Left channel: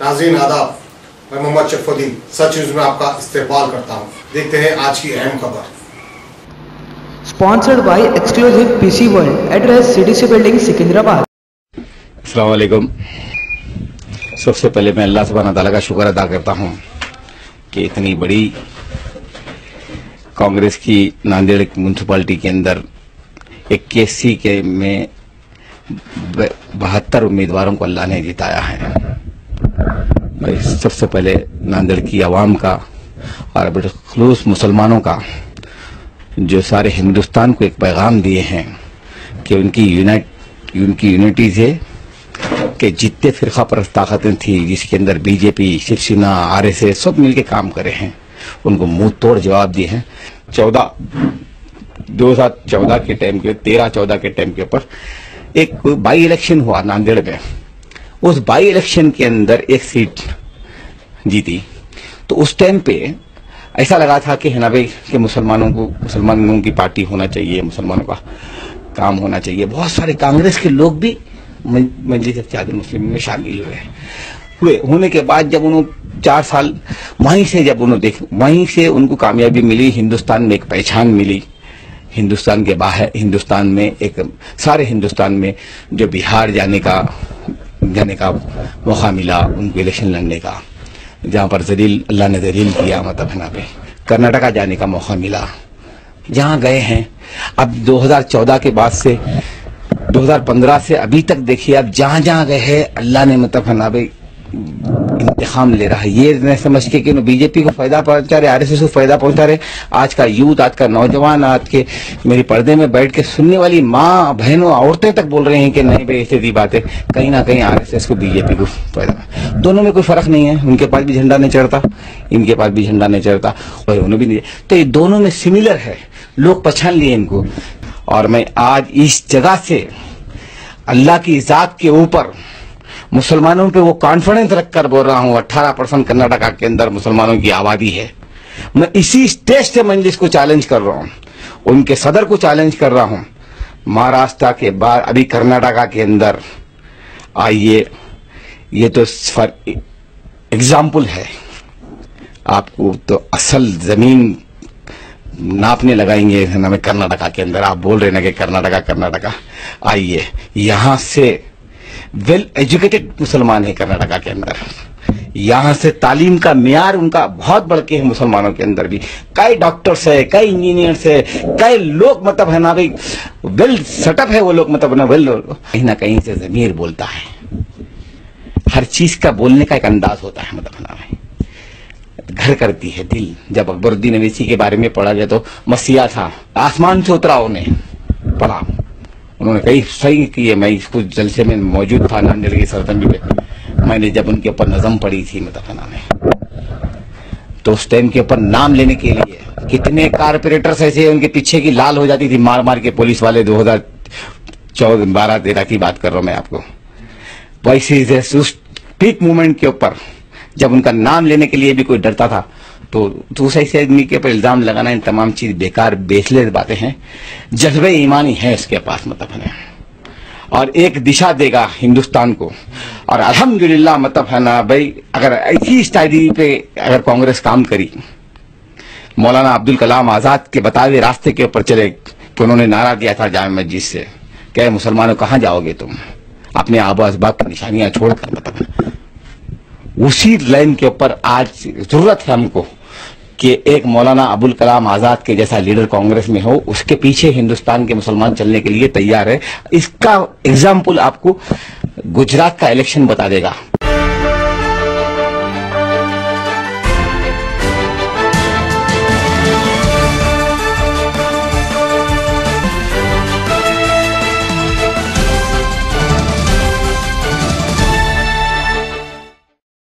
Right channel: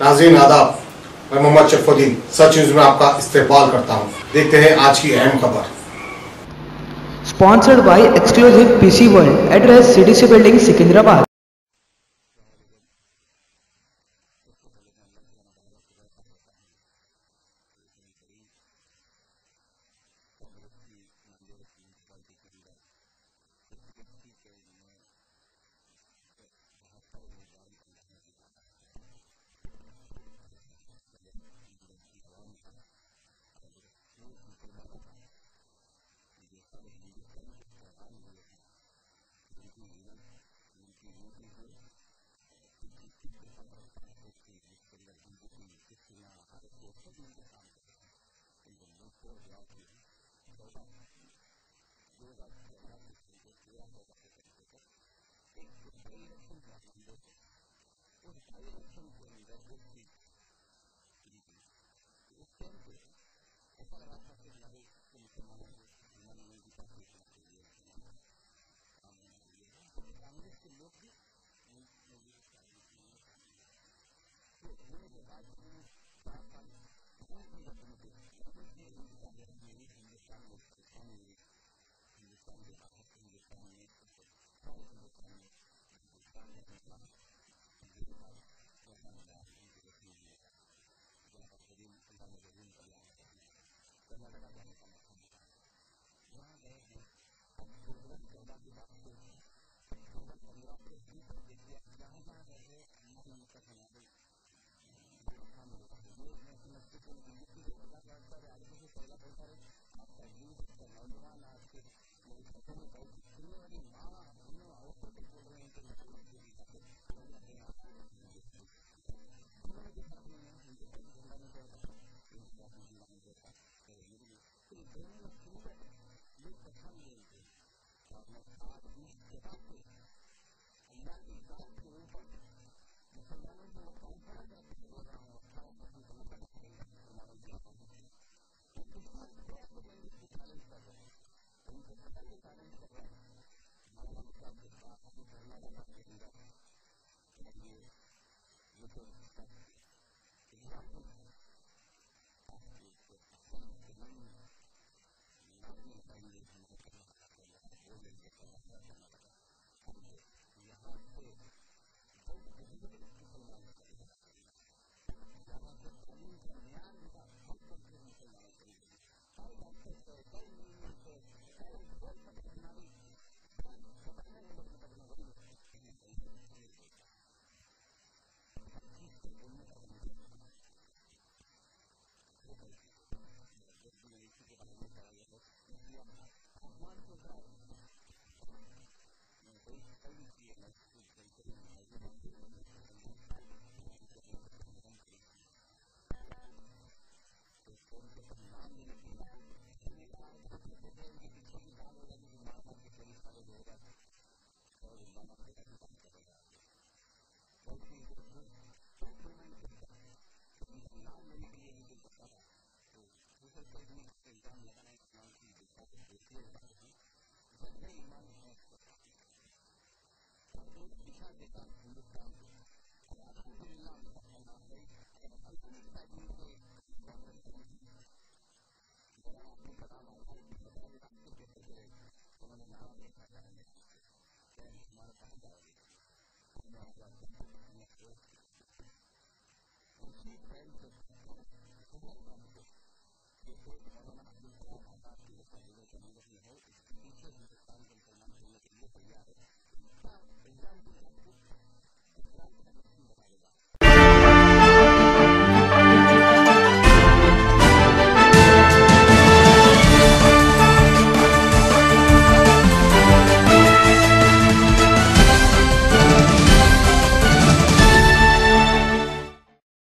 नाज़रीन आदाब, मैं मोहम्मद शरफुद्दीन सच न्यूज में आपका इस्तकबाल करता हूं। देखते हैं आज की अहम खबर। Sponsored by exclusive PC world, address CDC building Secunderabad. अस्सलाम वालेकुम। सबसे पहले मैं अल्लाह सुब्हानहू तआला का शुक्र अदा करता हूं कि इतनी बड़ी कांग्रेस की नांदेड़ म्यूनसिपालिटी के अंदर 81 के में 72 उम्मीदवारों को अल्लाह ने जिताया है। मैं सबसे पहले नांदेड़ की आवाम का और बिलखुसूस मुसलमानों का, जो सारे हिंदुस्तान को एक पैगाम दिए हैं कि उनकी यूनिटी से कि जितने फिरका परस्त ताकतें थी जिसके अंदर बीजेपी, शिवसेना, आरएसएस सब मिलके काम करे हैं, उनको मुंह तोड़ जवाब दिए हैं। 2014 के टाइम के 13-14 के टाइम के ऊपर एक बाई इलेक्शन हुआ नांदेड़ में। उस बाई इलेक्शन के अंदर एक सीट जीती। तो उस टाइम पे ऐसा लगा था कि है ना भाई कि मुसलमानों की पार्टी होना चाहिए, मुसलमानों का काम होना चाहिए। बहुत सारे कांग्रेस के लोग भी मजलिस इत्तेहाद मुस्लिम में शामिल होने के बाद जब उन्होंने 4 साल वहीं से उनको कामयाबी मिली, हिंदुस्तान में एक पहचान मिली। हिंदुस्तान के बाहर, हिंदुस्तान में एक सारे हिंदुस्तान में जो बिहार जाने का मौका मिला उनको इलेक्शन लड़ने का, जहाँ पर अल्लाह ने जलील किया, मतलब है ना पे कर्नाटका जाने का मौका मिला, जहाँ गए हैं। अब 2014 के बाद से 2015 से अभी तक देखिए, अब जहाँ जहाँ गए हैं अल्लाह ने मतलब है ना भाई इंतकाम ले रहा है। ये न समझ के कि बीजेपी को फायदा पहुंचा रहे, आरएसएस को फायदा पहुंचा रहे। आज का यूथ, आज का नौजवान, आज के मेरे पर्दे में बैठ के सुनने वाली माँ, बहनों, औरतें तक बोल रहे हैं कि नहीं भाई ऐसी बात है, कहीं ना कहीं आरएसएस को, बीजेपी को फायदा। दोनों में कोई फर्क नहीं है, उनके पास भी झंडा नहीं चढ़ता, इनके पास भी झंडा नहीं चढ़ता, और उन्हें भी नहीं। तो ये दोनों में सिमिलर है, लोग पहचान लिए इनको। और मैं आज इस जगह से अल्लाह की जात के ऊपर मुसलमानों पे वो कॉन्फिडेंस रखकर बोल रहा हूँ। 18% कर्नाटका के अंदर मुसलमानों की आबादी है। मैं इसी स्टेज से मजलिस को चैलेंज कर रहा हूँ, उनके सदर को चैलेंज कर रहा हूँ। महाराष्ट्र के बाद अभी कर्नाटका के अंदर आइए, ये तो फॉर एग्जाम्पल है। आपको तो असल जमीन नापने लगाएंगे ना में कर्नाटका के अंदर। आप बोल रहे ना कि कर्नाटका आइए, यहाँ से वेल एजुकेटेड मुसलमान है कर्नाटका के अंदर। यहाँ से तालीम का मियार उनका बहुत बढ़ के है। मुसलमानों के अंदर भी कई डॉक्टर्स है, कई इंजीनियर्स है, कई लोग मतलब है ना भाई वेल सेटअप है वो लोग, मतलब ना वेल, कहीं ना कहीं से ज़मीर बोलता है। हर चीज का बोलने का एक अंदाज होता है, मतलब ना भाई घर करती है दिल। जब अकबरुद्दीन अवैसी के बारे में पढ़ा गया तो मसीहा था, आसमान से उतरा, उन्हें पढ़ा, उन्होंने कई सही किए। मैं इसको जलसे में मौजूद था नांदेड़ की सरजमी पे। मैंने जब उनके ऊपर नज़म पढ़ी थी मतलब में, तो उस टाइम के ऊपर नाम लेने के लिए कितने कारपोरेटर्स ऐसे उनके पीछे की लाल हो जाती थी मार मार के पुलिस वाले। 2012-13 की बात कर रहा हूँ मैं आपको। वैसे उस पीक मूवमेंट के ऊपर जब उनका नाम लेने के लिए भी कोई डरता था, तो दूसरे से आदमी के ऊपर इल्जाम लगाना, इन तमाम चीज बेकार बेसलेस बातें हैं। जज्बे ईमानी है इसके पास, मतलब है, और एक दिशा देगा हिंदुस्तान को। और अल्हम्दुलिल्लाह मतलब है ना भाई, अगर ऐसी स्टाइल पे अगर कांग्रेस काम करी, मौलाना अब्दुल कलाम आजाद के बताए हुए रास्ते के ऊपर चले, कि उन्होंने नारा दिया था जामे मस्जिद से, क्या मुसलमानों कहाँ जाओगे तुम, अपने आबो असबाब की निशानियां छोड़कर, मतलब उसी लाइन के ऊपर आज जरूरत है हमको कि एक मौलाना अबुल कलाम आजाद के जैसा लीडर कांग्रेस में हो। उसके पीछे हिंदुस्तान के मुसलमान चलने के लिए तैयार है। इसका एग्जाम्पल आपको गुजरात का इलेक्शन बता देगा।